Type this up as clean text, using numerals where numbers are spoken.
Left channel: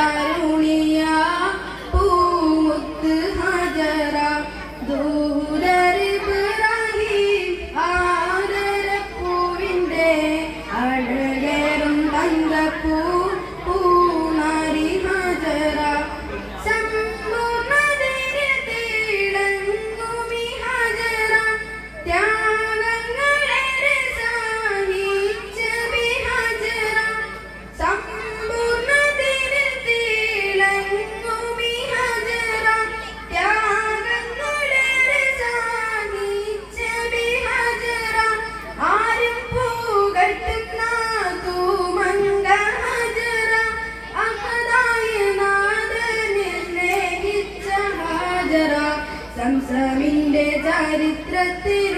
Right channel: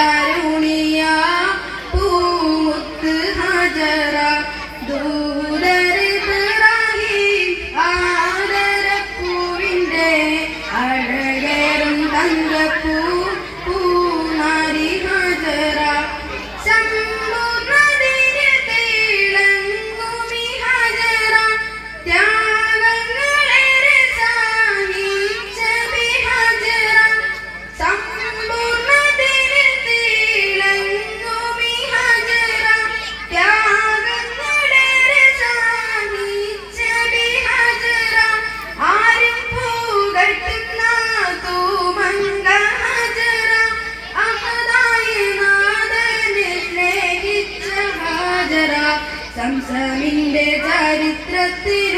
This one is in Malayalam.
തരുണിയ പൂമുത്ത് ഹജറ ദൂതരിബ്രാഹിം ആദരപ്പൂവിൻ്റെ അഴകേറും തങ്കപ്പൂ പൂനാരി ഹജറ സമ്പൂർണ്ണതയിൽ തിളങ്ങുമി ഹജറ ത്യാഗങ്ങളേറെ സഹിച്ച ബിഹജറ സമ്പൂർണ്ണതയിൽ തിളങ്ങുമി ഹജറ ത്യാഗങ്ങളേറെ സഹിച്ച ബിഹജറ ആരും പുകഴ്ത്തുന്ന തൂമങ്ക ഹജറ അഹദായ നാഥനെ സ്നേഹിച്ച ഹജറ സംസമിന്റെ ചരിത്രത്തിൽ